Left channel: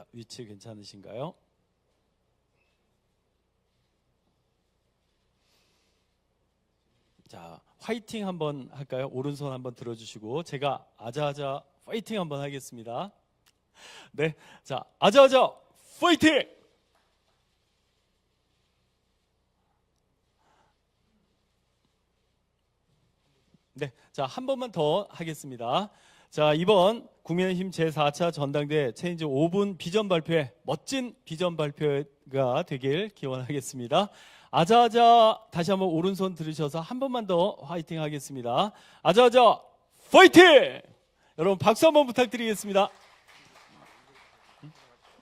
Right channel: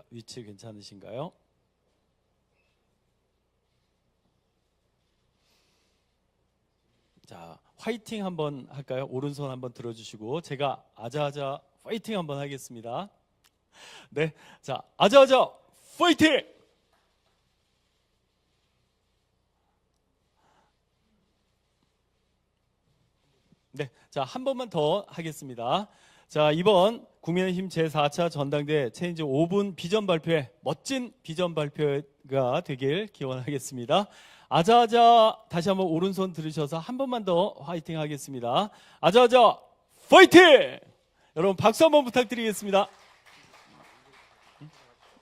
자, 위치 괜찮으신가요? 자, 화이팅 한번 할까요? 오른손 한번 들어주시고 제가 아자아자 파이팅 한번 하겠습니다. 네, 자, 아자아자 파이팅! 네, 자, 한 번만 더 하겠습니다. 자, 이번 국민의힘 제4차 전당대회 체인지 5분 비전 발표회, 멋진 비전 발표가 되길 기원하겠습니다. 아자아자 다시 한번 오른손 들으셔서 한 번만 더 화이팅 하겠습니다. 아자아자 파이팅! 여러분 박수 한번 부탁드리겠습니다.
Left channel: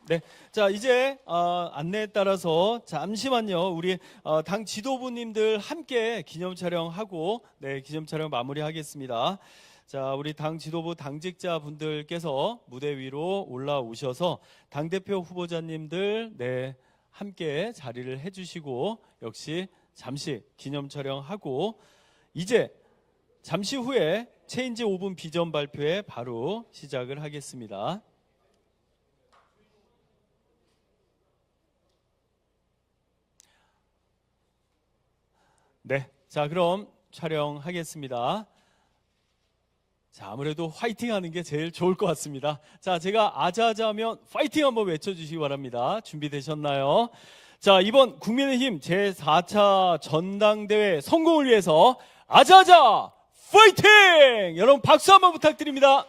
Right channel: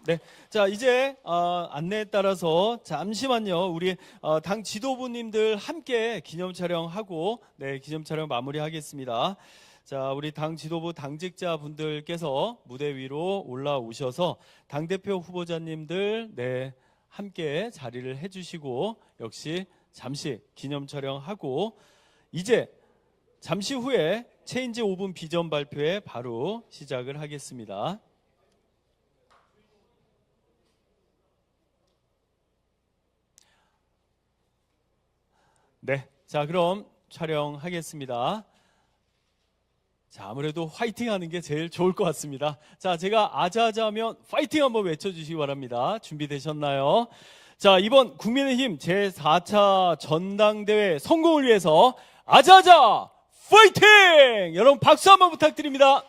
네, 자 이제 안내에 따라서 잠시만요. 우리 당 지도부님들 함께 기념 촬영하고 네 기념 촬영 마무리하겠습니다. 자 우리 당 지도부 당직자 분들께서 무대 위로 올라오셔서 당대표 후보자님들 네 함께 자리를 해주시고 역시 잠시 기념 촬영하고 이제 잠시 후에 체인지 5분 비전 발표에 바로 시작을 하겠습니다. 네, 자 그럼 촬영하겠습니다. 자 아무래도 화이팅 하는 게 제일 좋을 것 같습니다. 자 제가 아자아자 하면 파이팅 한번 외쳐주시기 바랍니다. 준비되셨나요? 자 이번 국민의힘 제4차 전당대회 성공을 위해서 아자아자 파이팅! 여러분 박수 한번 부탁드립니다.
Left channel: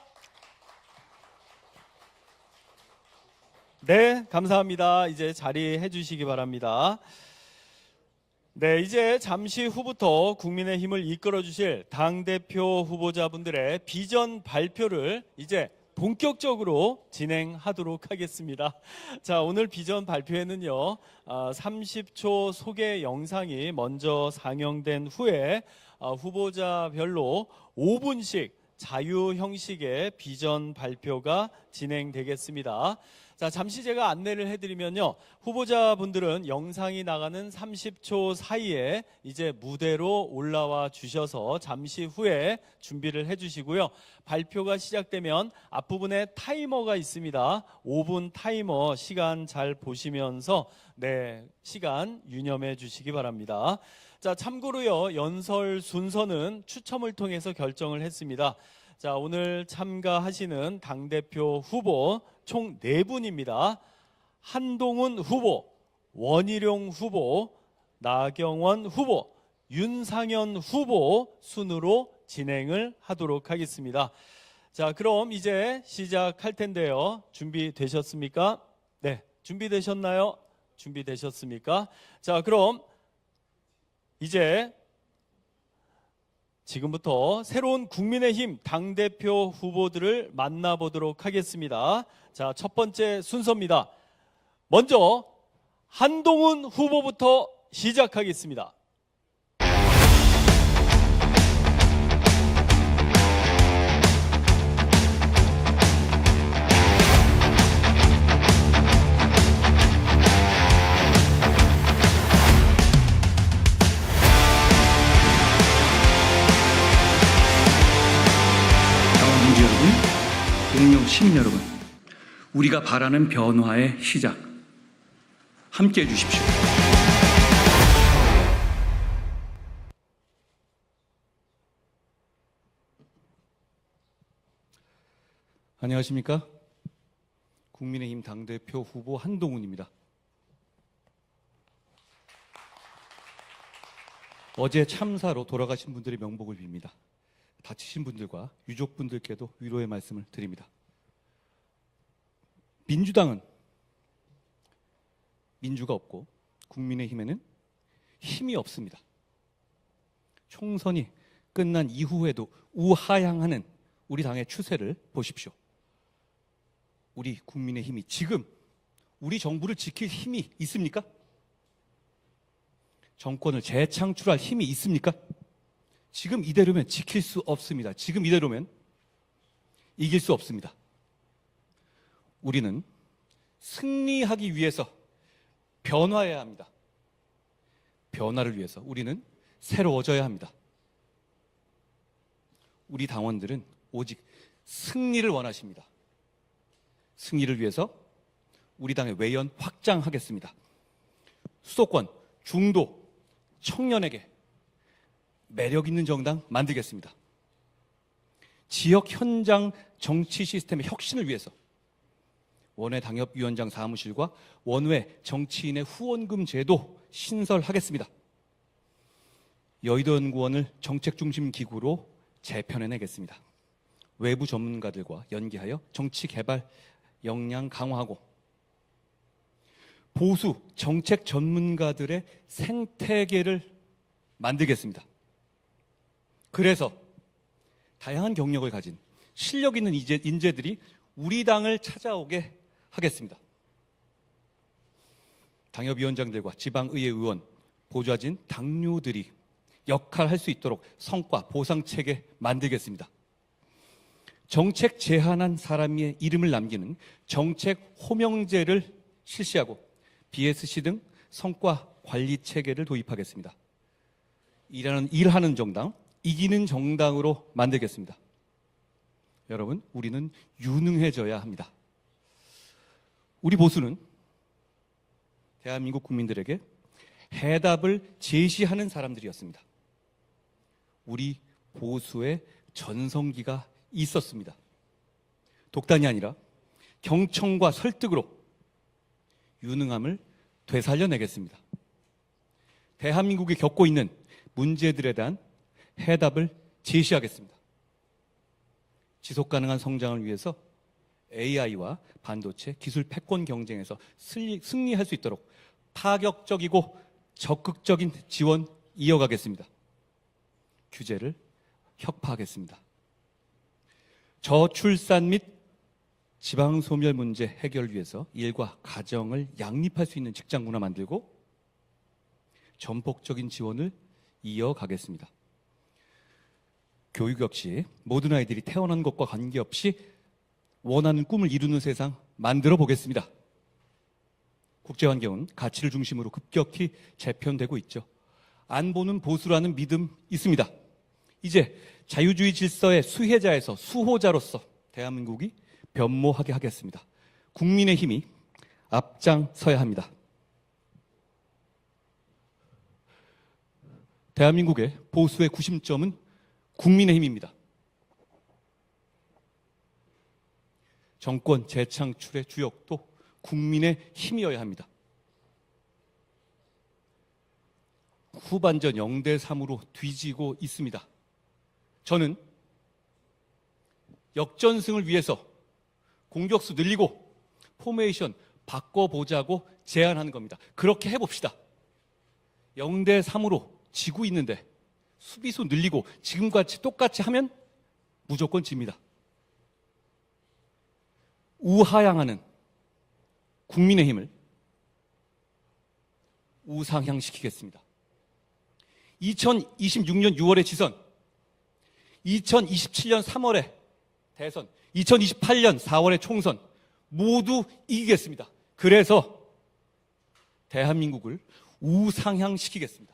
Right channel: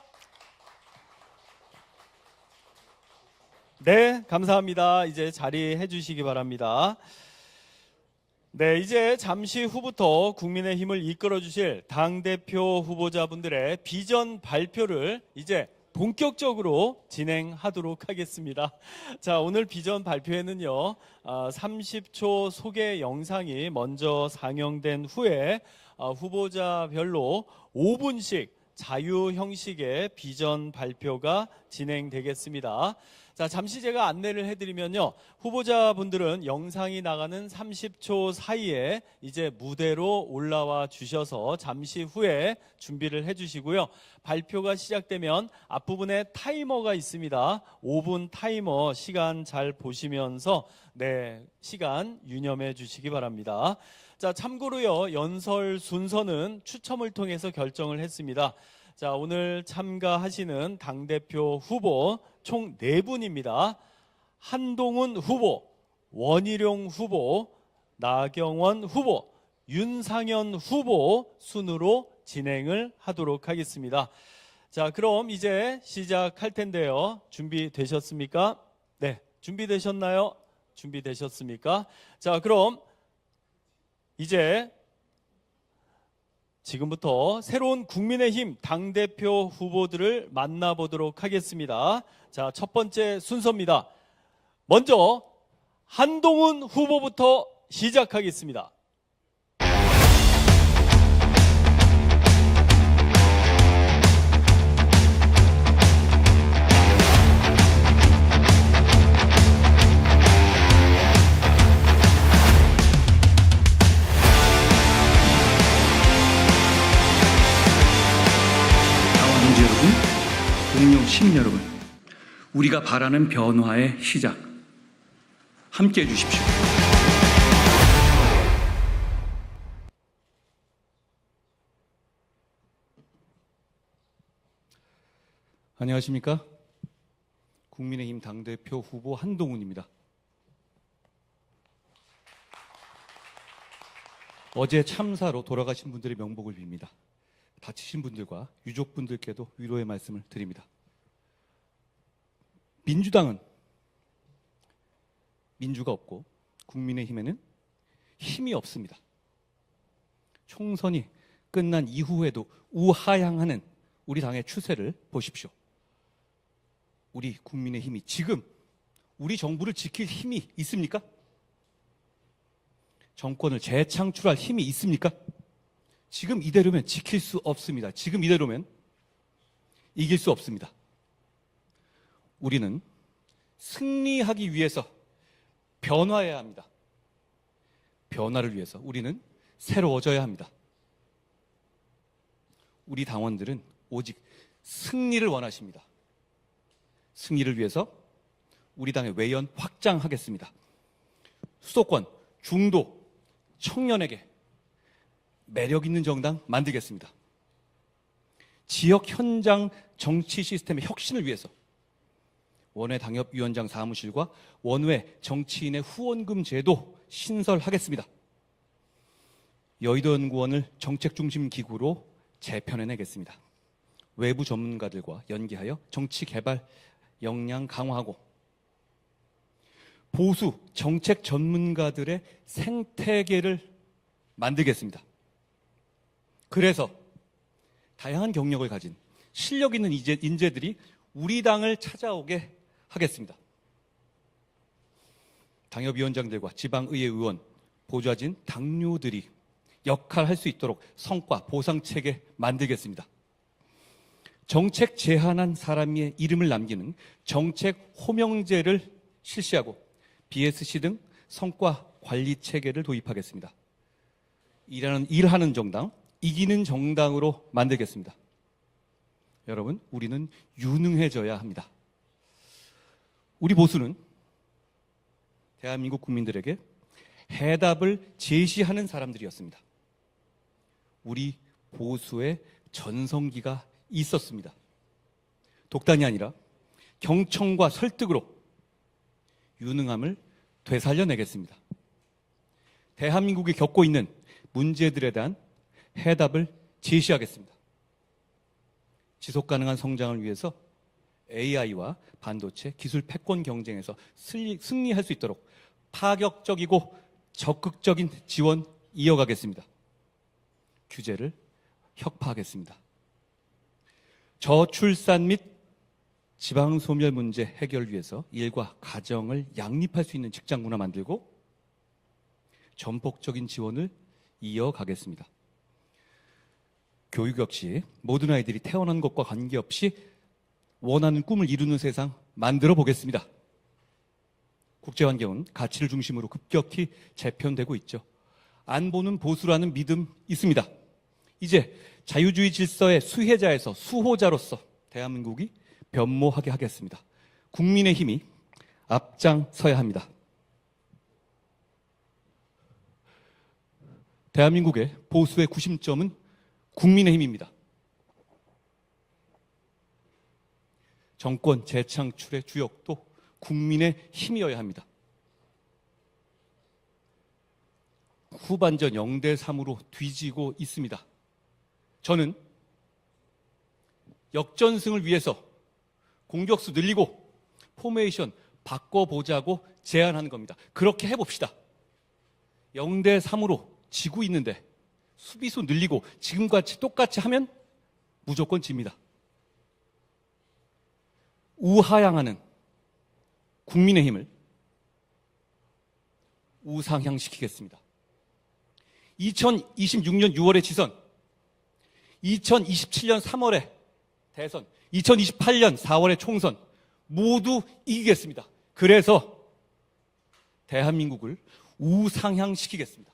네 감사합니다. 이제 자리해 주시기 바랍니다. 네, 이제 잠시 후부터 국민의힘을 이끌어 주실 당대표 후보자분들의 비전 발표를 이제 본격적으로 진행하도록 하겠습니다. 자, 오늘 비전 발표에는요, 30초 소개 영상이 먼저 상영된 후에 후보자별로 5분씩 자유 형식의 비전 발표가 진행되겠습니다. 자, 잠시 제가 안내를 해드리면요. 후보자분들은 영상이 나가는 30초 사이에 이제 무대로 올라와 주셔서 잠시 후에 준비를 해주시고요. 발표가 시작되면 앞부분에 타이머가 있습니다. 5분 타이머 시간 잘 보시면서 네, 시간 유념해 주시기 바랍니다. 자, 참고로요. 연설 순서는 추첨을 통해서 결정을 했습니다. 자, 오늘 참가하시는 당대표 후보 총 4분입니다. 한동훈 후보, 원희룡 후보, 나경원 후보, 윤상현 후보 순으로 진행을 하도록 하겠습니다. 자, 그럼 이제 시작할 텐데요. 준비되셨습니까? 네, 준비되셨나요? 준비되셨습니까? 자, 그럼 이제 지금부터 새로운 국민의힘 당대표 후보들을 만나보도록 하겠습니다. 자, 첫 번째 순서입니다. 먼저 한동훈 후보부터 시작하겠습니다. 동료 시민 여러분, 우리가 바라는 변화의 시작, 함께해 주십시오. 안녕하십니까? 국민의힘 당대표 후보 한동훈입니다. 어제 참사로 돌아가신 분들의 명복을 빕니다. 다치신 분들과 유족분들께도 위로의 말씀을 드립니다. 민주당은 민주가 없고 국민의힘에는 힘이 없습니다. 총선이 끝난 이후에도 우하향하는 우리 당의 추세를 보십시오. 우리 국민의힘이 지금 우리 정부를 지킬 힘이 있습니까? 정권을 재창출할 힘이 있습니까? 지금 이대로면 지킬 수 없습니다. 지금 이대로면 이길 수 없습니다. 우리는 승리하기 위해서 변화해야 합니다. 변화를 위해서 우리는 새로워져야 합니다. 우리 당원들은 오직 승리를 원하십니다. 승리를 위해서 우리 당의 외연 확장하겠습니다. 수도권, 중도, 청년에게 매력 있는 정당 만들겠습니다. 지역 현장 정치 시스템의 혁신을 위해서 원외 당협위원장 사무실과 원외 정치인의 후원금 제도 신설하겠습니다. 여의도연구원을 정책중심 기구로 재편해내겠습니다. 외부 전문가들과 연계하여 정치 개발 역량 강화하고 보수 정책 전문가들의 생태계를 만들겠습니다. 그래서 다양한 경력을 가진 실력 있는 인재들이 우리 당을 찾아오게 하겠습니다. 당협위원장들과 지방의회 의원, 보좌진, 당뇨들이 역할할 수 있도록 성과 보상체계 만들겠습니다. 정책 제안한 사람의 이름을 남기는 정책 호명제를 실시하고 BSC 등 성과 관리 체계를 도입하겠습니다. 일하는 정당, 이기는 정당으로 만들겠습니다. 여러분, 우리는 유능해져야 합니다. 우리 보수는 대한민국 국민들에게 해답을 제시하는 사람들이었습니다. 우리 보수의 전성기가 있었습니다. 독단이 아니라 경청과 설득으로 유능함을 되살려내겠습니다. 대한민국이 겪고 있는 문제들에 대한 해답을 제시하겠습니다. 지속가능한 성장을 위해서 AI와 반도체 기술 패권 경쟁에서 승리할 수 있도록 파격적이고 적극적인 지원 이어가겠습니다. 규제를 혁파하겠습니다. 저출산 및 지방소멸 문제 해결을 위해서 일과 가정을 양립할 수 있는 직장 문화 만들고 전폭적인 지원을 이어가겠습니다. 교육 역시 모든 아이들이 태어난 것과 관계없이 원하는 꿈을 이루는 세상 만들어 보겠습니다. 국제환경은 가치를 중심으로 급격히 재편되고 있죠. 안보는 보수라는 믿음 있습니다. 이제 자유주의 질서의 수혜자에서 수호자로서 대한민국이 변모하게 하겠습니다. 국민의 힘이 앞장서야 합니다. 대한민국의 보수의 구심점은 국민의 힘입니다. 정권 재창출의 주역도 국민의 힘이어야 합니다. 후반전 0대3으로 뒤지고 있습니다. 저는 역전승을 위해서 공격수 늘리고 포메이션 바꿔보자고 제안하는 겁니다. 그렇게 해봅시다. 0대3으로 지고 있는데 수비수 늘리고 지금같이 똑같이 하면 무조건 집니다. 우하향하는 국민의힘을 우상향시키겠습니다. 2026년 6월에 지선, 2027년 3월에 대선, 2028년 4월에 총선 모두 이기겠습니다. 그래서 대한민국을 우상향시키겠습니다.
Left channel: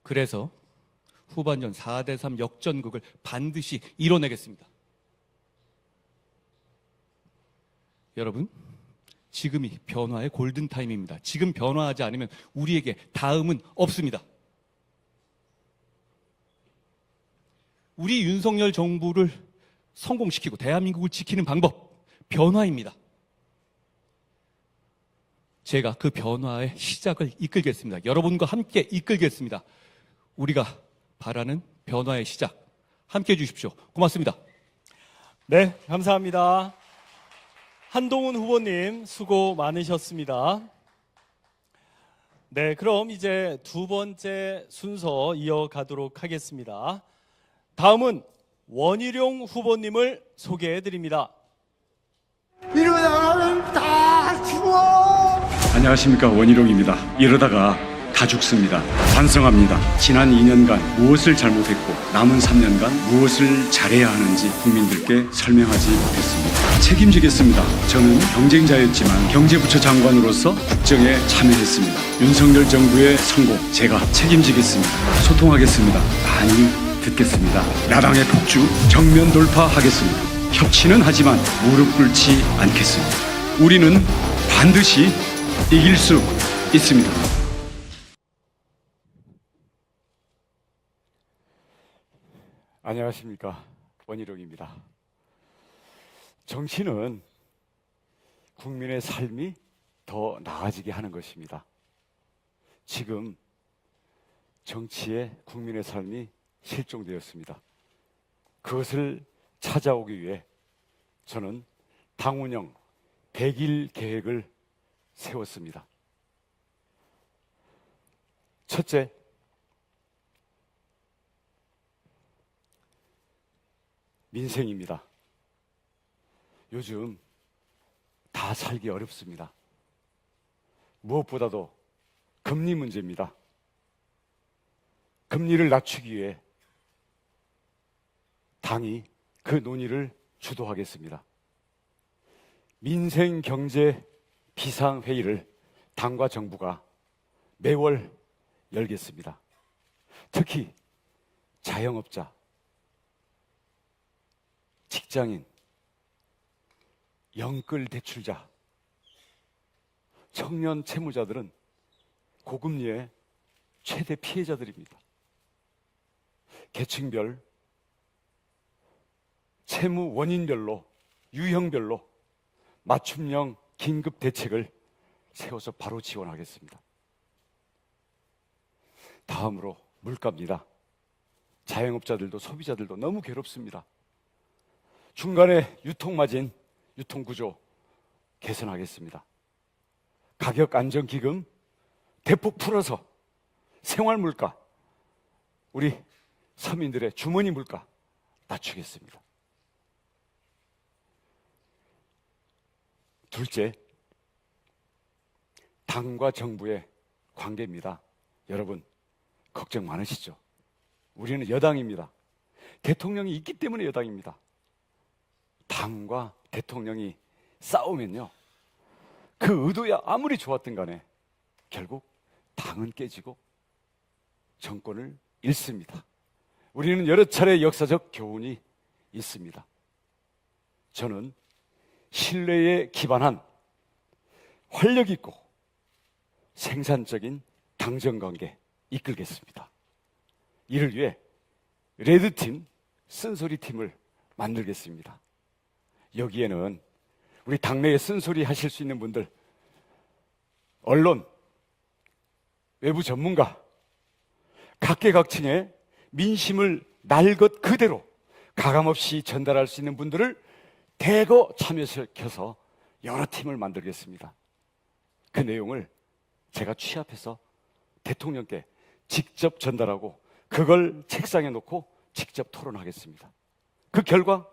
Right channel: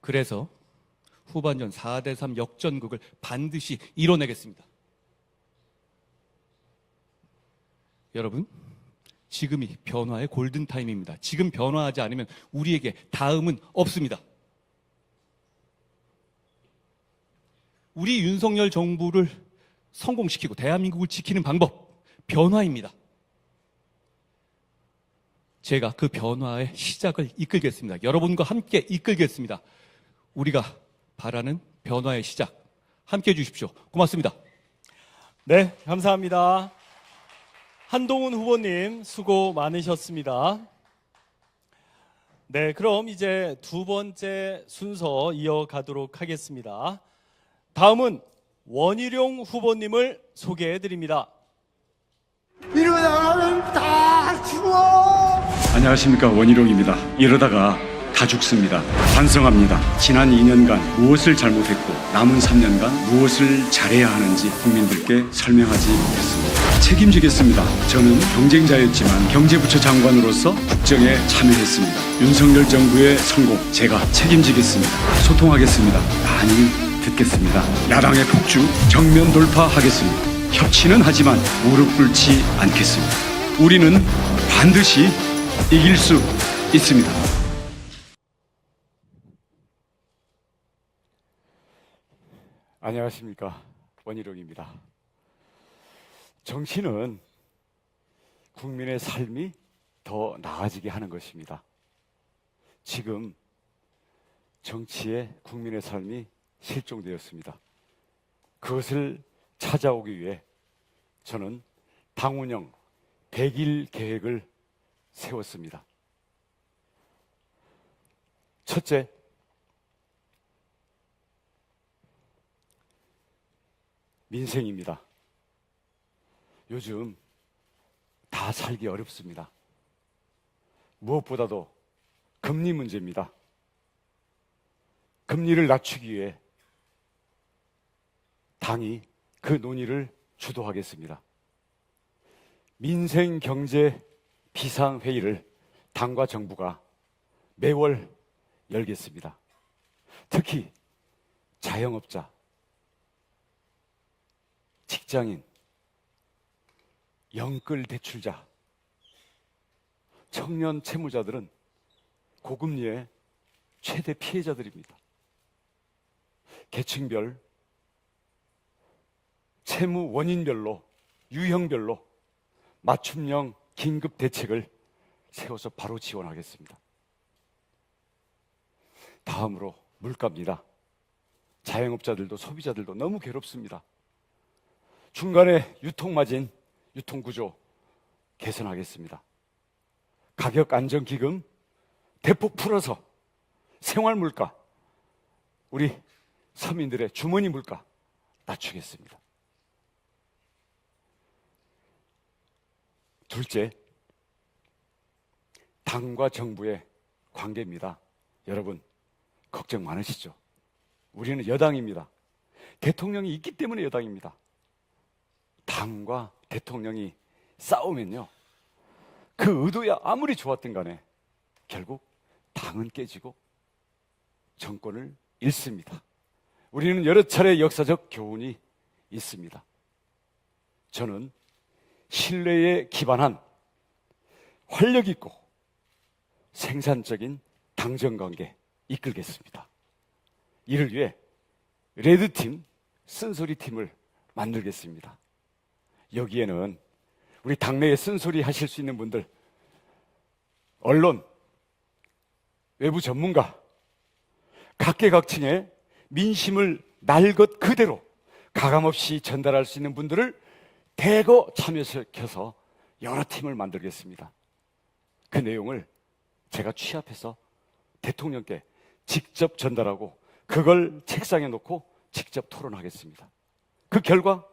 그래서 후반전 4대3 역전극을 반드시 이뤄내겠습니다. 여러분, 지금이 변화의 골든타임입니다. 지금 변화하지 않으면 우리에게 다음은 없습니다. 우리 윤석열 정부를 성공시키고 대한민국을 지키는 방법, 변화입니다. 제가 그 변화의 시작을 이끌겠습니다. 여러분과 함께 이끌겠습니다. 우리가 바라는 변화의 시작, 함께 해주십시오. 고맙습니다. 네, 감사합니다. 한동훈 후보님 수고 많으셨습니다. 네, 그럼 이제 두 번째 순서 이어가도록 하겠습니다. 다음은 원희룡 후보님을 소개해드립니다. 이러다가는 다 죽어. 안녕하십니까, 원희룡입니다. 이러다가 다 죽습니다. 반성합니다. 지난 2년간 무엇을 잘못했고 남은 3년간 무엇을 잘해야 하는지 국민들께 설명하지 못했습니다. 책임지겠습니다. 저는 경쟁자였지만 경제부처 장관으로서 국정에 참여했습니다. 윤석열 정부의 성공 제가 책임지겠습니다. 소통하겠습니다. 많이 듣겠습니다. 야당의 폭주 정면 돌파하겠습니다. 협치는 하지만 무릎 꿇지 않겠습니다. 우리는 반드시 이길 수 있습니다. 안녕하십니까, 원희룡입니다. 정치는 국민의 삶이 더 나아지게 하는 것입니다. 지금 정치에 국민의 삶이 실종되었습니다. 그것을 찾아오기 위해 저는 당 운영 100일 계획을 세웠습니다. 첫째, 민생입니다. 요즘 다 살기 어렵습니다. 무엇보다도 금리 문제입니다. 금리를 낮추기 위해 당이 그 논의를 주도하겠습니다. 민생 경제 비상회의를 당과 정부가 매월 열겠습니다. 특히 자영업자, 직장인, 영끌 대출자, 청년 채무자들은 고금리의 최대 피해자들입니다. 계층별, 채무 원인별로, 유형별로 맞춤형 긴급 대책을 세워서 바로 지원하겠습니다. 다음으로 물가입니다. 자영업자들도 소비자들도 너무 괴롭습니다. 중간에 유통마진, 유통구조 개선하겠습니다. 가격 안정기금 대폭 풀어서 생활물가, 우리 서민들의 주머니 물가 낮추겠습니다. 둘째, 당과 정부의 관계입니다. 여러분, 걱정 많으시죠? 우리는 여당입니다. 대통령이 있기 때문에 여당입니다. 당과 대통령이 싸우면요, 그 의도야 아무리 좋았든 간에 결국 당은 깨지고 정권을 잃습니다. 우리는 여러 차례 역사적 교훈이 있습니다. 저는 신뢰에 기반한 활력 있고 생산적인 당정관계 이끌겠습니다. 이를 위해 레드팀, 쓴소리팀을 만들겠습니다. 여기에는 우리 당내에 쓴소리 하실 수 있는 분들, 언론, 외부 전문가, 각계각층의 민심을 날 것 그대로 가감없이 전달할 수 있는 분들을 대거 참여시켜서 여러 팀을 만들겠습니다. 그 내용을 제가 취합해서 대통령께 직접 전달하고 그걸 책상에 놓고 직접 토론하겠습니다. 그 결과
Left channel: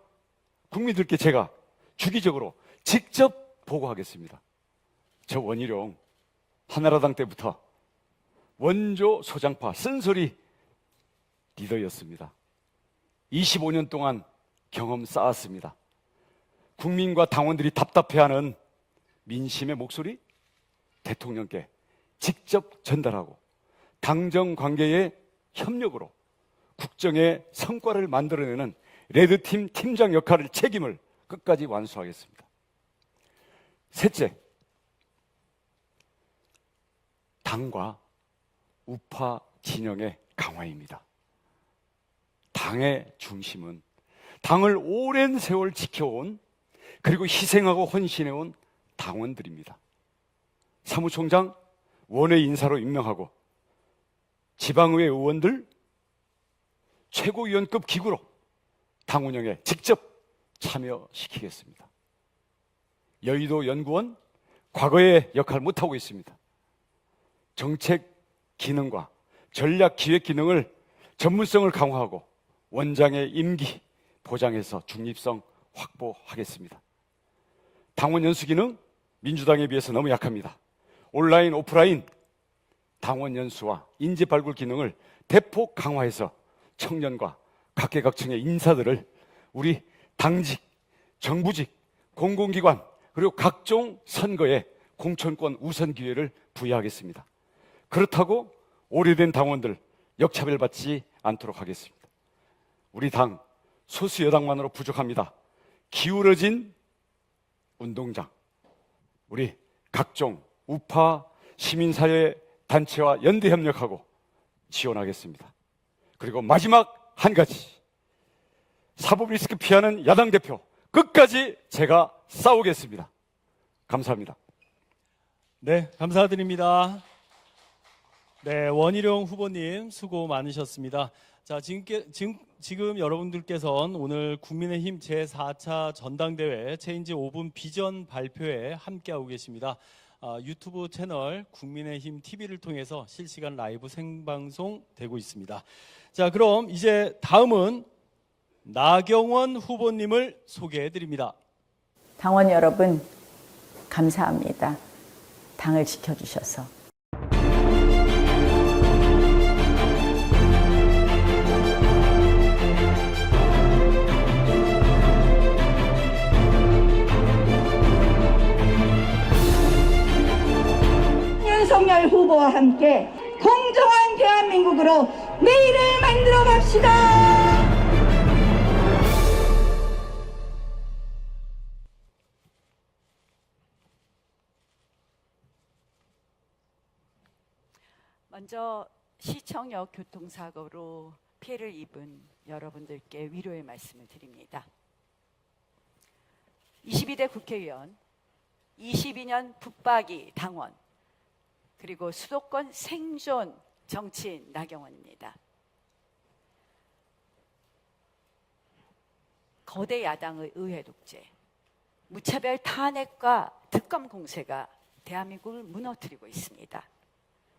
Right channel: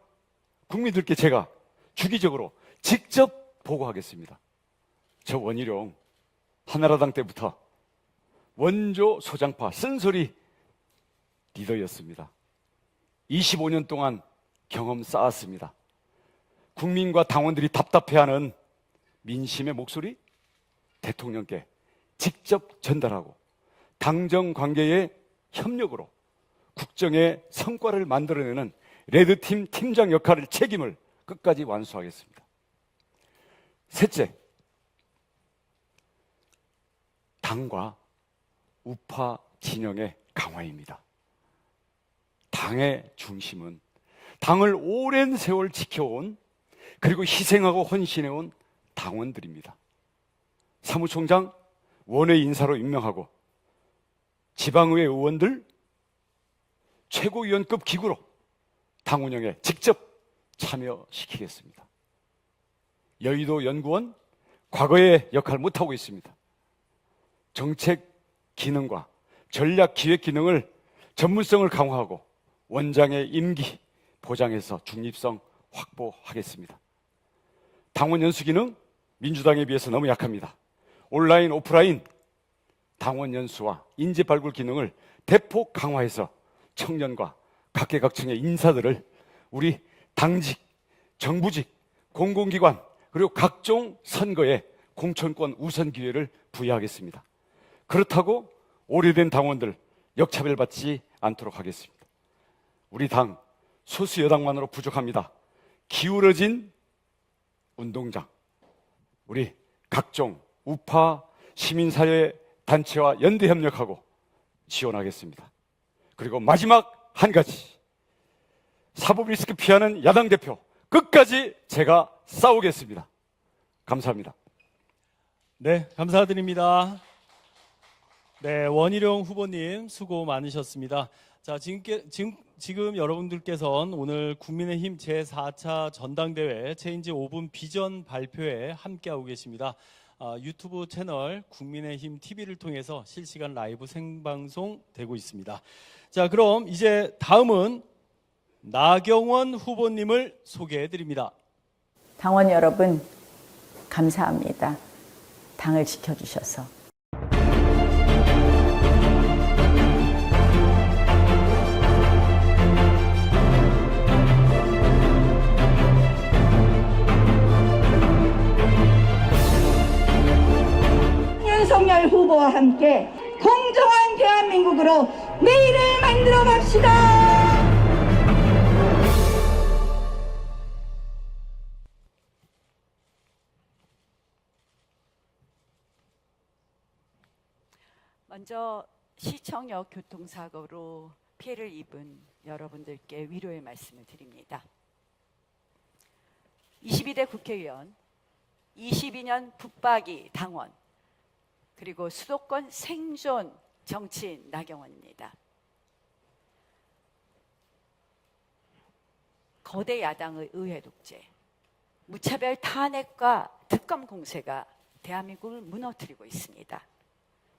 국민들께 제가 주기적으로 직접 보고하겠습니다. 저 원희룡 한나라당 때부터 원조 소장파 쓴소리 리더였습니다. 25년 동안 경험 쌓았습니다. 국민과 당원들이 답답해하는 민심의 목소리 대통령께 직접 전달하고 당정 관계의 협력으로 국정의 성과를 만들어내는 레드팀 팀장 역할을 책임을 끝까지 완수하겠습니다. 셋째, 당과 우파 진영의 강화입니다. 당의 중심은 당을 오랜 세월 지켜온, 그리고 희생하고 헌신해온 당원들입니다. 사무총장 원외 인사로 임명하고 지방의회 의원들 최고위원급 기구로 당 운영에 직접 참여시키겠습니다. 여의도 연구원 과거의 역할을 못하고 있습니다. 정책 기능과 전략 기획 기능을 전문성을 강화하고 원장의 임기 보장해서 중립성 확보하겠습니다. 당원 연수 기능 민주당에 비해서 너무 약합니다. 온라인, 오프라인 당원 연수와 인재 발굴 기능을 대폭 강화해서 청년과 각계각층의 인사들을 우리 당직, 정부직, 공공기관 그리고 각종 선거에 공천권 우선 기회를 부여하겠습니다. 그렇다고 오래된 당원들 역차별받지 않도록 하겠습니다. 우리 당 소수 여당만으로 부족합니다. 기울어진 운동장, 우리 각종 우파 시민사회 단체와 연대 협력하고 지원하겠습니다. 그리고 마지막 한 가지, 사법 리스크 피하는 야당 대표 끝까지 제가 싸우겠습니다. 감사합니다. 네, 감사드립니다. 네, 원희룡 후보님 수고 많으셨습니다. 자, 지금 여러분들께서는 오늘 국민의힘 제4차 전당대회 체인지 5분 비전 발표에 함께하고 계십니다. 유튜브 채널 국민의힘 TV를 통해서 실시간 라이브 생방송 되고 있습니다. 자, 그럼 이제 다음은 나경원 후보님을 소개해 드립니다. 당원 여러분, 감사합니다. 당을 지켜주셔서. 윤석열 후보와 함께 공정한 대한민국으로 내일을 만들어 갑시다. 먼저 시청역 교통사고로 피해를 입은 여러분들께 위로의 말씀을 드립니다. 22대 국회의원, 22년 붙박이 당원, 그리고 수도권 생존 정치인 나경원입니다. 거대 야당의 의회 독재, 무차별 탄핵과 특검 공세가 대한민국을 무너뜨리고 있습니다.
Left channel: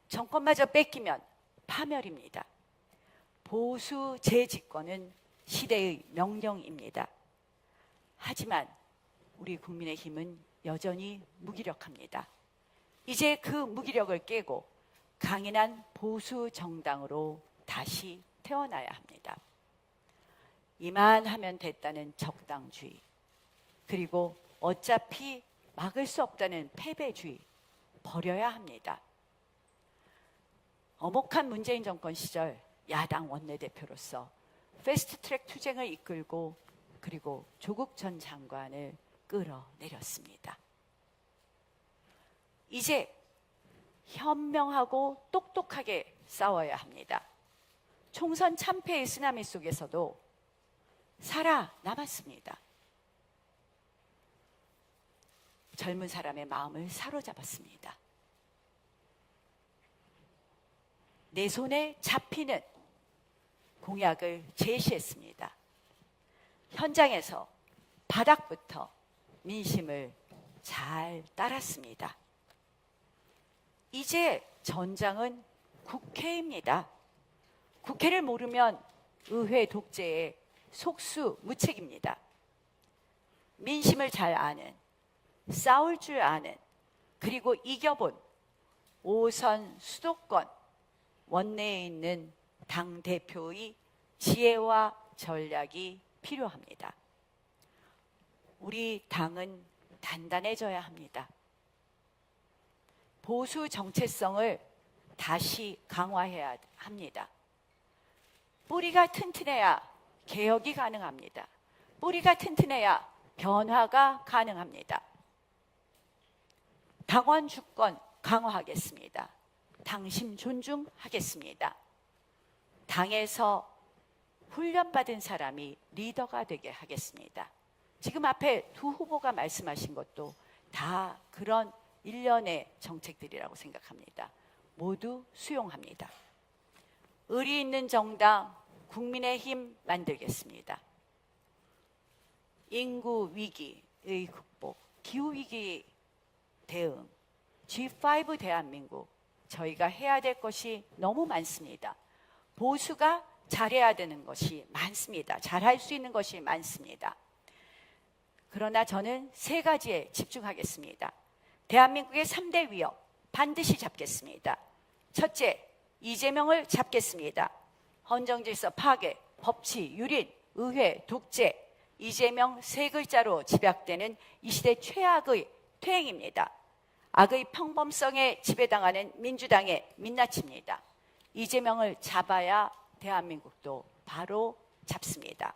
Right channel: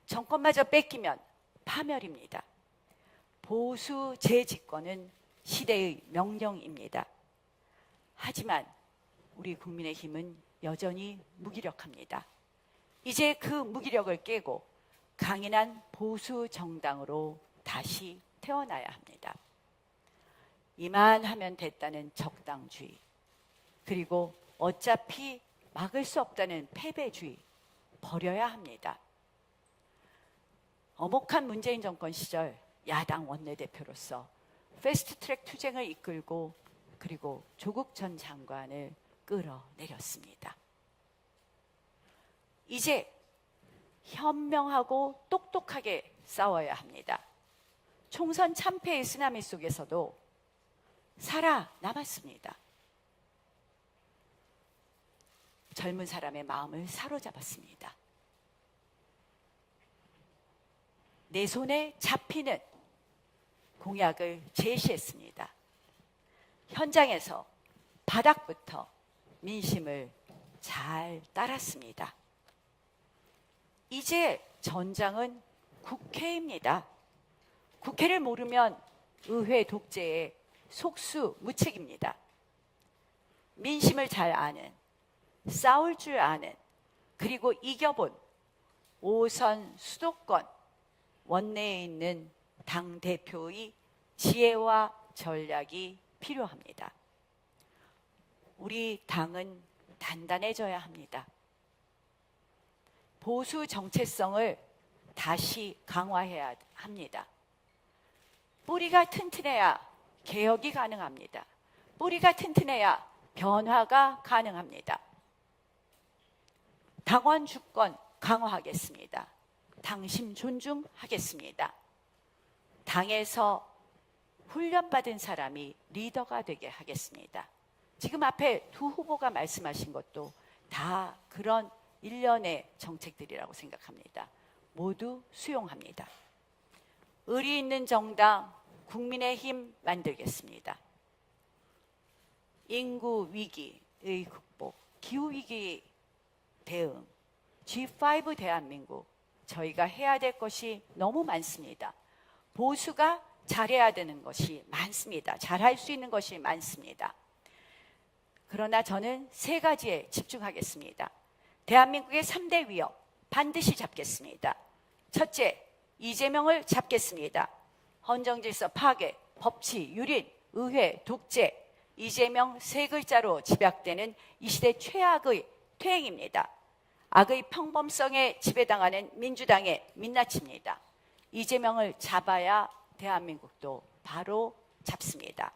정권마저 뺏기면 파멸입니다. 보수 재집권은 시대의 명령입니다. 하지만 우리 국민의힘은 여전히 무기력합니다. 이제 그 무기력을 깨고 강인한 보수 정당으로 다시 태어나야 합니다. 이만하면 됐다는 적당주의, 그리고 어차피 막을 수 없다는 패배주의 버려야 합니다. 엄혹한 문재인 정권 시절 야당 원내대표로서 패스트트랙 투쟁을 이끌고 그리고 조국 전 장관을 끌어내렸습니다. 이제 현명하고 똑똑하게 싸워야 합니다. 총선 참패의 쓰나미 속에서도 살아남았습니다. 젊은 사람의 마음을 사로잡았습니다. 내 손에 잡히는 공약을 제시했습니다. 현장에서 바닥부터 민심을 잘 따랐습니다. 이제 전장은 국회입니다. 국회를 모르면 의회 독재의 속수무책입니다. 민심을 잘 아는, 싸울 줄 아는, 그리고 이겨본 5선 수도권 원내에 있는 당대표의 지혜와 전략이 필요합니다. 우리 당은 단단해져야 합니다. 보수 정체성을 다시 강화해야 합니다. 뿌리가 튼튼해야 개혁이 가능합니다. 뿌리가 튼튼해야 변화가 가능합니다. 당원 주권 강화하겠습니다. 당신 존중하겠습니다. 당에서 훈련받은 사람이 리더가 되게 하겠습니다. 지금 앞에 두 후보가 말씀하신 것도 다 그런 일련의 정책들이라고 생각합니다. 모두 수용합니다. 의리 있는 정당 국민의힘 만들겠습니다. 인구 위기의 극복, 기후 위기 대응, G5 대한민국, 저희가 해야 될 것이 너무 많습니다. 보수가 잘해야 되는 것이 많습니다. 잘할 수 있는 것이 많습니다. 그러나 저는 세 가지에 집중하겠습니다. 대한민국의 3대 위협 반드시 잡겠습니다. 첫째, 이재명을 잡겠습니다. 헌정질서 파괴, 법치, 유린, 의회, 독재, 이재명 세 글자로 집약되는 이 시대 최악의 퇴행입니다. 악의 평범성에 지배당하는 민주당의 민낯입니다. 이재명을 잡아야 대한민국도 바로 잡습니다.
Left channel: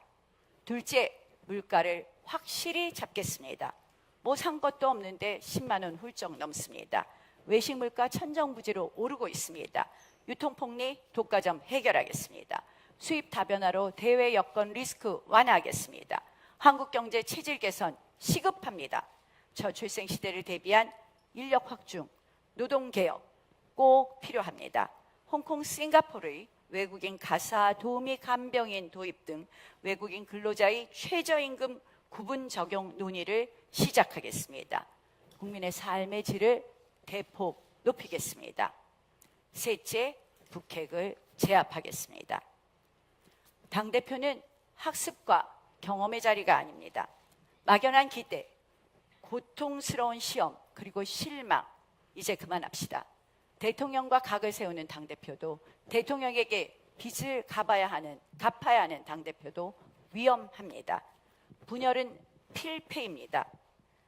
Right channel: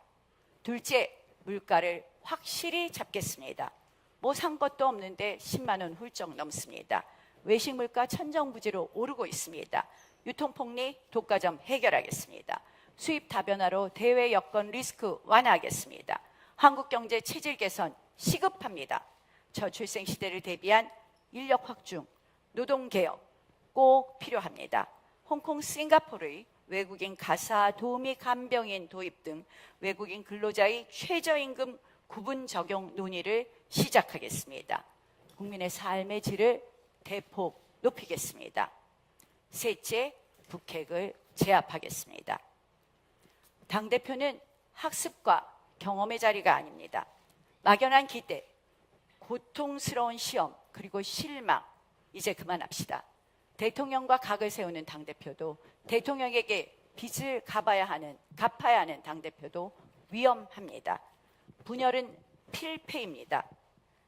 둘째, 물가를 확실히 잡겠습니다. 뭐 산 것도 없는데 10만 원 훌쩍 넘습니다. 외식 물가 천정부지로 오르고 있습니다. 유통폭리, 독과점 해결하겠습니다. 수입 다변화로 대외 여건 리스크 완화하겠습니다. 한국경제 체질 개선 시급합니다. 저출생 시대를 대비한 인력 확충, 노동 개혁 꼭 필요합니다. 홍콩, 싱가포르의 외국인 가사 도우미 간병인 도입 등 외국인 근로자의 최저임금 구분 적용 논의를 시작하겠습니다. 국민의 삶의 질을 대폭 높이겠습니다. 셋째, 북핵을 제압하겠습니다. 당대표는 학습과 경험의 자리가 아닙니다. 막연한 기대, 고통스러운 시험, 그리고 실망, 이제 그만합시다. 대통령과 각을 세우는 당대표도, 대통령에게 빚을 갚아야 하는 당대표도 위험합니다. 분열은 필패입니다.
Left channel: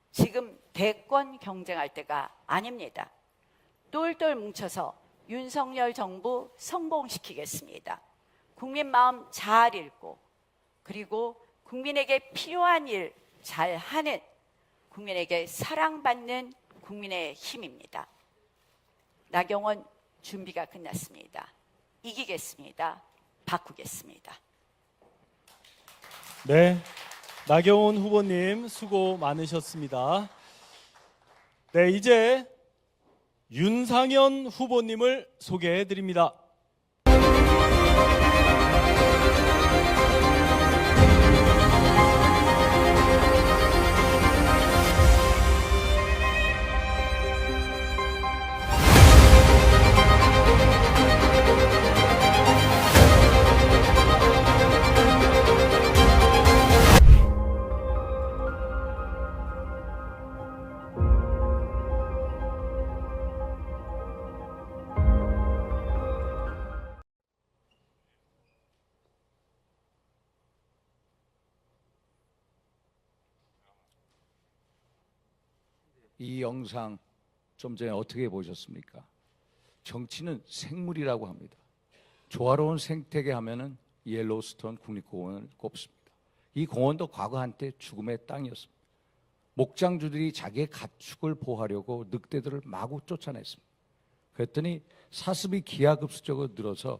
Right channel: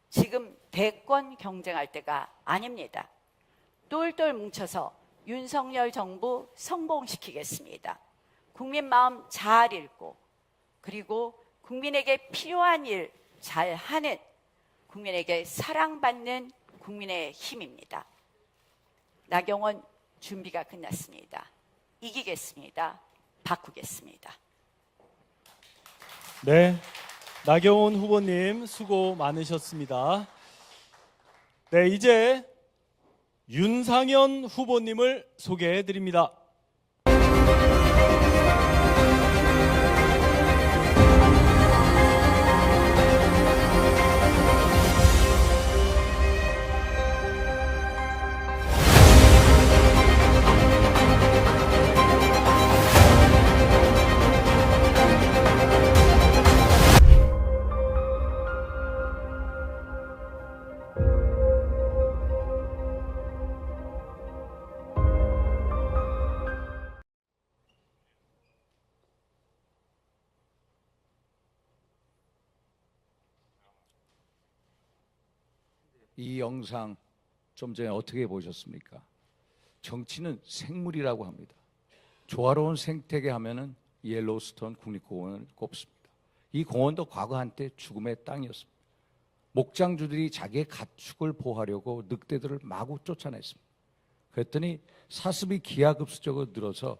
지금 대권 경쟁할 때가 아닙니다. 똘똘 뭉쳐서 윤석열 정부 성공시키겠습니다. 국민 마음 잘 읽고, 그리고 국민에게 필요한 일 잘하는, 국민에게 사랑받는 국민의 힘입니다. 나경원 준비가 끝났습니다. 이기겠습니다. 바꾸겠습니다. 네, 나경원 후보님 수고 많으셨습니다. 네, 이제 윤상현 후보님을 소개해 드립니다. 이 영상 좀 전에 어떻게 보셨습니까? 정치는 생물이라고 합니다. 조화로운 생태계 하면은 옐로우스톤 국립공원을 꼽습니다. 이 공원도 과거 한때 죽음의 땅이었습니다. 목장주들이 자기의 가축을 보호하려고 늑대들을 마구 쫓아냈습니다. 그랬더니 사슴이 기하급수적으로 늘어서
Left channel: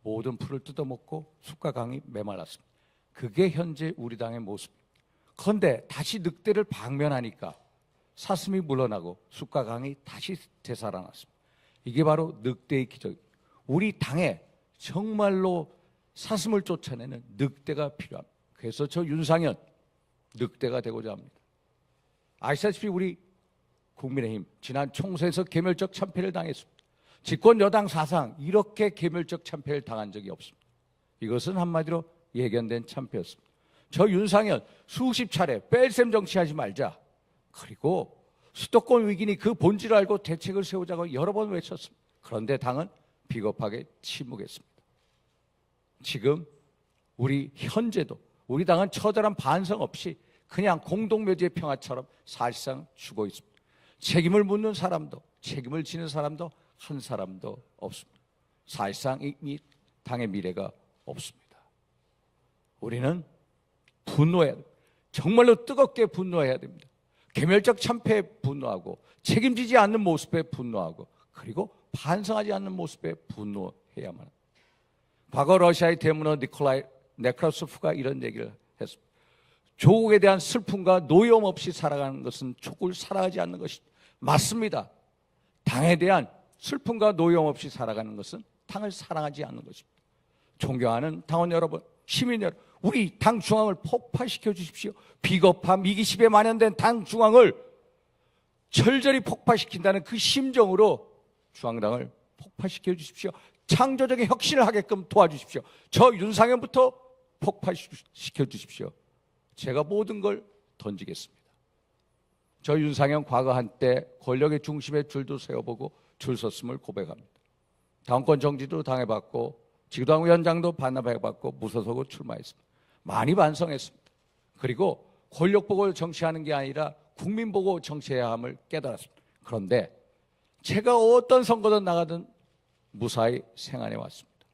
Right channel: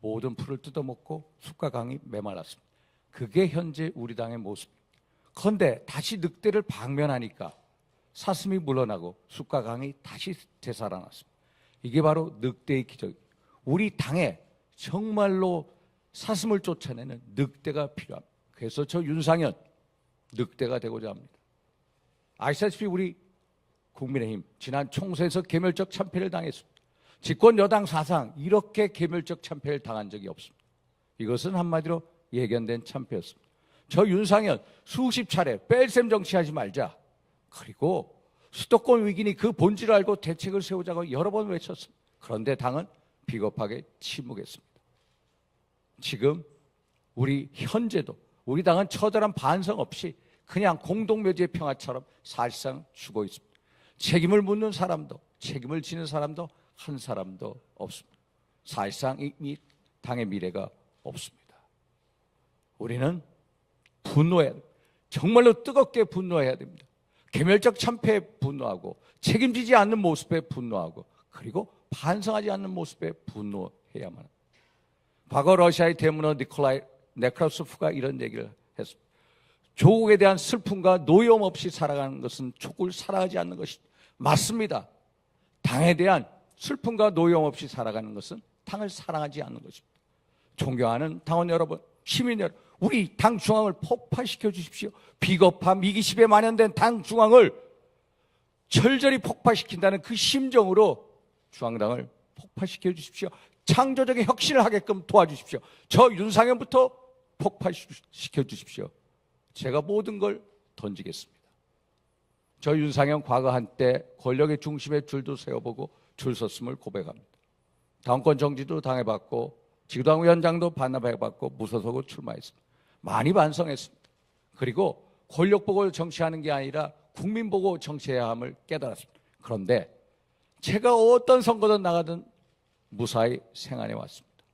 모든 풀을 뜯어먹고 숲과 강이 메말랐습니다. 그게 현재 우리 당의 모습입니다. 그런데 다시 늑대를 방면하니까 사슴이 물러나고 숲과 강이 다시 되살아났습니다. 이게 바로 늑대의 기적입니다. 우리 당에 정말로 사슴을 쫓아내는 늑대가 필요합니다. 그래서 저 윤상현 늑대가 되고자 합니다. 아시다시피 우리 국민의힘 지난 총선에서 개별적 참패를 당했습니다. 집권 여당 사상 이렇게 개별적 참패를 당한 적이 없습니다. 이것은 한마디로 예견된 참패였습니다. 저 윤상현 수십 차례 뺄셈 정치하지 말자. 그리고 수도권 위기니 그 본질을 알고 대책을 세우자고 여러 번 외쳤습니다. 그런데 당은 비겁하게 침묵했습니다. 지금 우리 현재도 우리 당은 처절한 반성 없이 그냥 공동묘지의 평화처럼 사실상 죽어 있습니다. 책임을 묻는 사람도 책임을 지는 사람도 한 사람도 없습니다. 사실상 이 당의 미래가 없습니다. 우리는 분노해야 됩니다. 정말로 뜨겁게 분노해야 됩니다. 개별적 참패에 분노하고 책임지지 않는 모습에 분노하고 그리고 반성하지 않는 모습에 분노해야만 합니다. 과거 러시아의 대문호 니콜라이 네크라소프가 이런 얘기를 했습니다. 조국에 대한 슬픔과 노여움 없이 살아가는 것은 조국을 사랑하지 않는 것이 맞습니다. 당에 대한 슬픔과 노여움 없이 살아가는 것은 당을 사랑하지 않는 것입니다. 존경하는 당원 여러분, 시민 여러분, 우리 당 중앙을 폭파시켜 주십시오. 비겁함, 이기심에 만연된 당 중앙을 절절히 폭파시킨다는 그 심정으로 중앙당을 폭파시켜 주십시오. 창조적인 혁신을 하게끔 도와주십시오. 저 윤상현부터 폭파시켜 주십시오. 제가 모든 걸 던지겠습니다. 저 윤상현 과거 한때 권력의 중심에 줄도 세워보고 줄 섰음을 고백합니다. 당권 정지도 당해봤고 지도당위원장도 반납해봤고 무소속으로 출마했습니다. 많이 반성했습니다. 그리고 권력 보고 정치하는 게 아니라 국민 보고 정치해야 함을 깨달았습니다. 그런데 제가 어떤 선거든 나가든 무사히 생활해 왔습니다.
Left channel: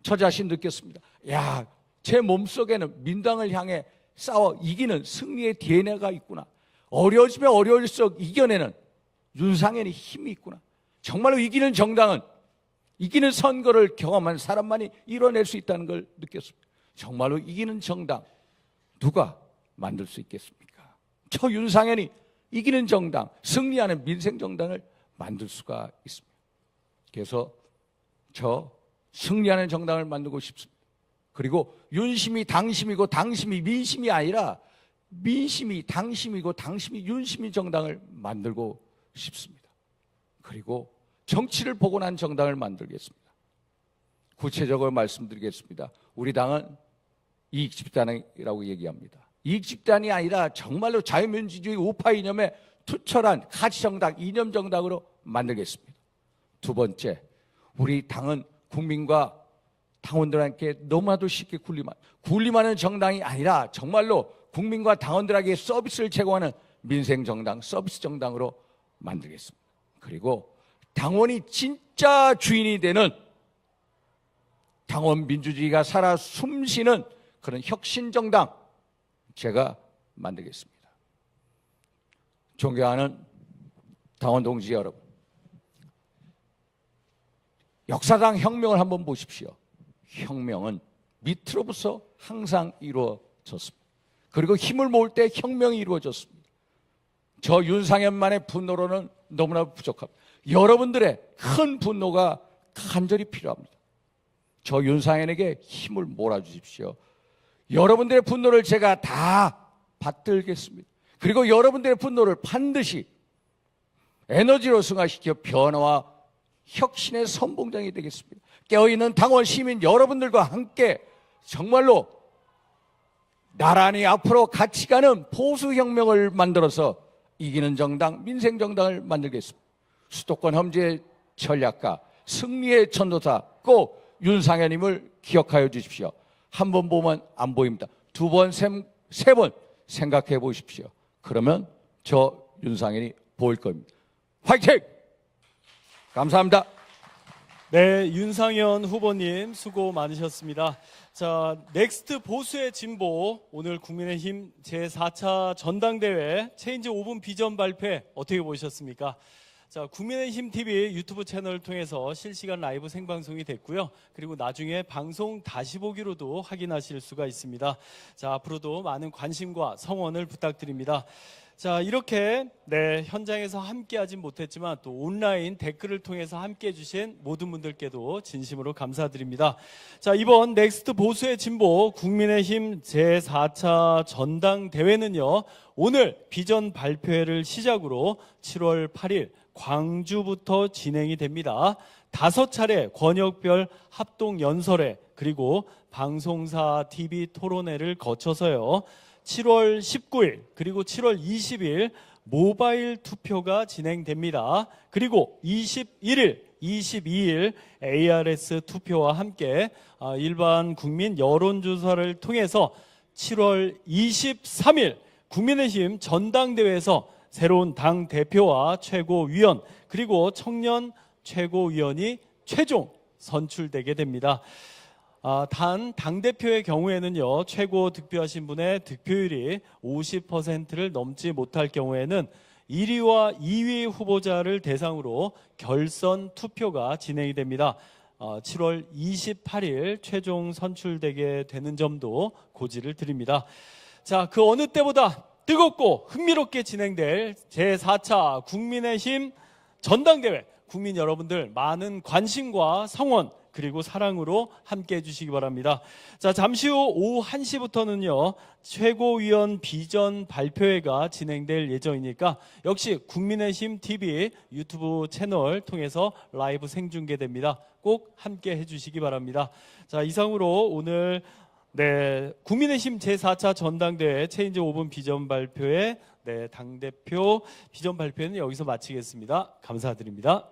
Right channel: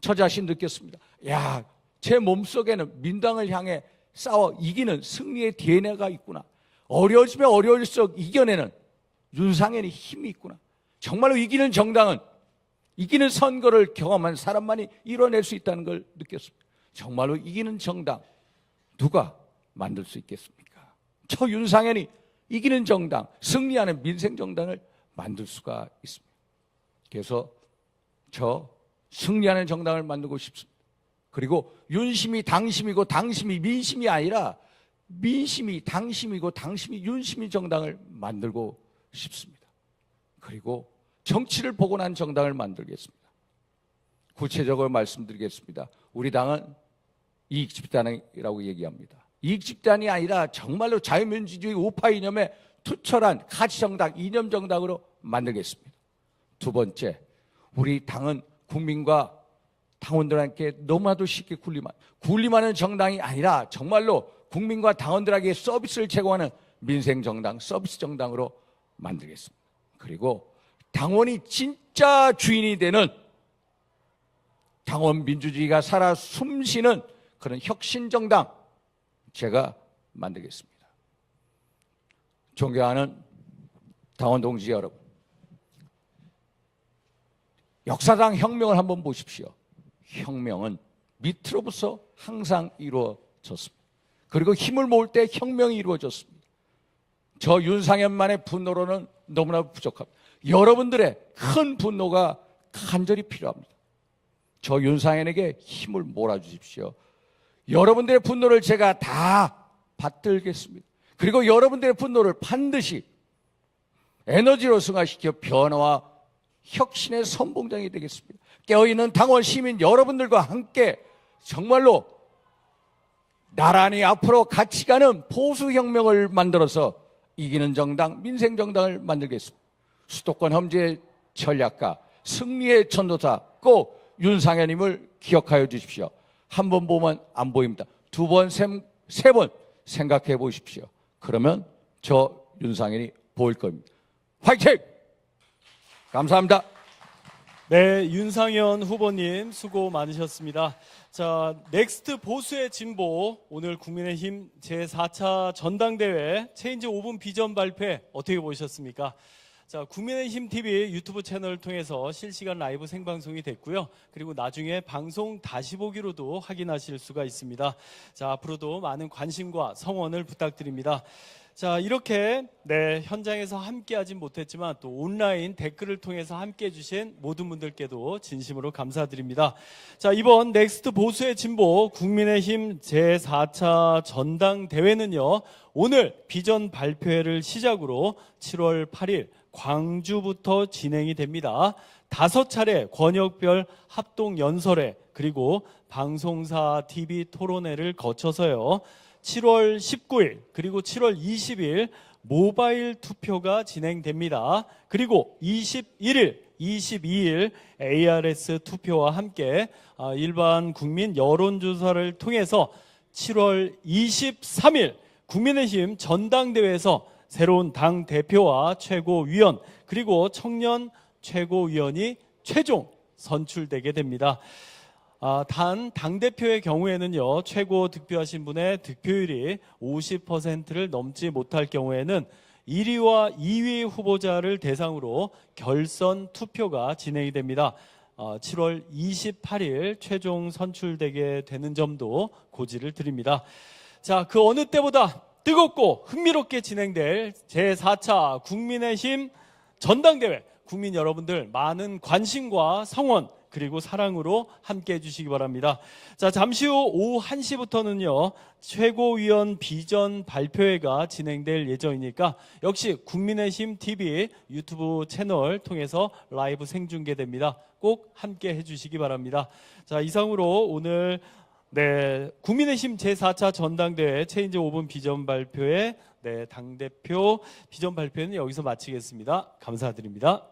저 자신 느꼈습니다. 야, 제 몸속에는 민당을 향해 싸워 이기는 승리의 DNA가 있구나. 어려워지면 어려울수록 이겨내는 윤상현의 힘이 있구나. 정말로 이기는 정당은 이기는 선거를 경험한 사람만이 이뤄낼 수 있다는 걸 느꼈습니다. 정말로 이기는 정당 누가 만들 수 있겠습니까? 저 윤상현이 이기는 정당, 승리하는 민생정당을 만들 수가 있습니다. 그래서 저 승리하는 정당을 만들고 싶습니다. 그리고 윤심이 당심이고 당심이 민심이 아니라 민심이 당심이고 당심이 윤심이 정당을 만들고 싶습니다. 그리고 정치를 보고 난 정당을 만들겠습니다. 구체적으로 말씀드리겠습니다. 우리 당은 이익집단이라고 얘기합니다. 이익집단이 아니라 정말로 자유민주주의 우파 이념에 투철한 가치정당, 이념정당으로 만들겠습니다. 두 번째, 우리 당은 국민과 당원들에게 너무나도 쉽게 군림하는 정당이 아니라 정말로 국민과 당원들에게 서비스를 제공하는 민생정당, 서비스 정당으로 만들겠습니다. 그리고 당원이 진짜 주인이 되는 당원 민주주의가 살아 숨쉬는 그런 혁신정당 제가 만들겠습니다. 존경하는 당원 동지 여러분, 역사상 혁명을 한번 보십시오. 혁명은 밑으로부터 항상 이루어졌습니다. 그리고 힘을 모을 때 혁명이 이루어졌습니다. 저 윤상현만의 분노로는 너무나 부족합니다. 여러분들의 큰 분노가 간절히 필요합니다. 저 윤상현에게 힘을 몰아주십시오. 여러분들의 분노를 제가 다 받들겠습니다. 그리고 여러분들의 분노를 반드시 에너지로 승화시켜 변화와 혁신의 선봉장이 되겠습니다. 깨어있는 당원 시민 여러분들과 함께 정말로 나란히 앞으로 같이 가는 보수혁명을 만들어서 이기는 정당, 민생정당을 만들겠습니다. 수도권 험지의 전략가, 승리의 전도사 꼭 윤상현님을 기억하여 주십시오. 한 번 보면 안 보입니다. 두 번, 세 번 생각해 보십시오. 그러면 저 윤상현이 보일 겁니다. 화이팅! 감사합니다. 네, 윤상현 후보님 수고 많으셨습니다. 자, 넥스트 보수의 진보, 오늘 국민의힘 제4차 전당대회 체인지 5분 비전 발표 어떻게 보셨습니까? 자, 국민의힘 TV 유튜브 채널을 통해서 실시간 라이브 생방송이 됐고요. 그리고 나중에 방송 다시 보기로도 확인하실 수가 있습니다. 자, 앞으로도 많은 관심과 성원을 부탁드립니다. 자, 이렇게 현장에서 함께하지 못했지만 또 온라인 댓글을 통해서 함께해 주신 모든 분들께도 진심으로 감사드립니다. 자, 이번 넥스트 보수의 진보 국민의힘 제4차 전당대회는요, 오늘 비전 발표회를 시작으로 7월 8일 광주부터 진행이 됩니다. 5차례 권역별 합동 연설회 그리고 방송사 TV 토론회를 거쳐서요, 7월 19일 그리고 7월 20일 모바일 투표가 진행됩니다. 그리고 21일, 22일 ARS 투표와 함께 일반 국민 여론조사를 통해서 7월 23일 국민의힘 전당대회에서 새로운 당 대표와 최고위원 그리고 청년 최고위원이 최종 선출되게 됩니다. 단 당대표의 경우에는요, 최고 득표하신 분의 득표율이 50%를 넘지 못할 경우에는 1위와 2위 후보자를 대상으로 결선 투표가 진행이 됩니다. 7월 28일 최종 선출되게 되는 점도 고지를 드립니다. 자, 그 어느 때보다 뜨겁고 흥미롭게 진행될 제4차 국민의힘 전당대회, 국민 여러분들 많은 관심과 성원 그리고 사랑으로 함께해 주시기 바랍니다. 자, 잠시 후 오후 1시부터는요 최고위원 비전 발표회가 진행될 예정이니까 역시 국민의힘 TV 유튜브 채널 통해서 라이브 생중계됩니다. 꼭 함께해 주시기 바랍니다. 자, 이상으로 오늘 국민의힘 제4차 전당대회 체인지 5분 비전 발표회 당대표 비전 발표는 여기서 마치겠습니다. 감사드립니다.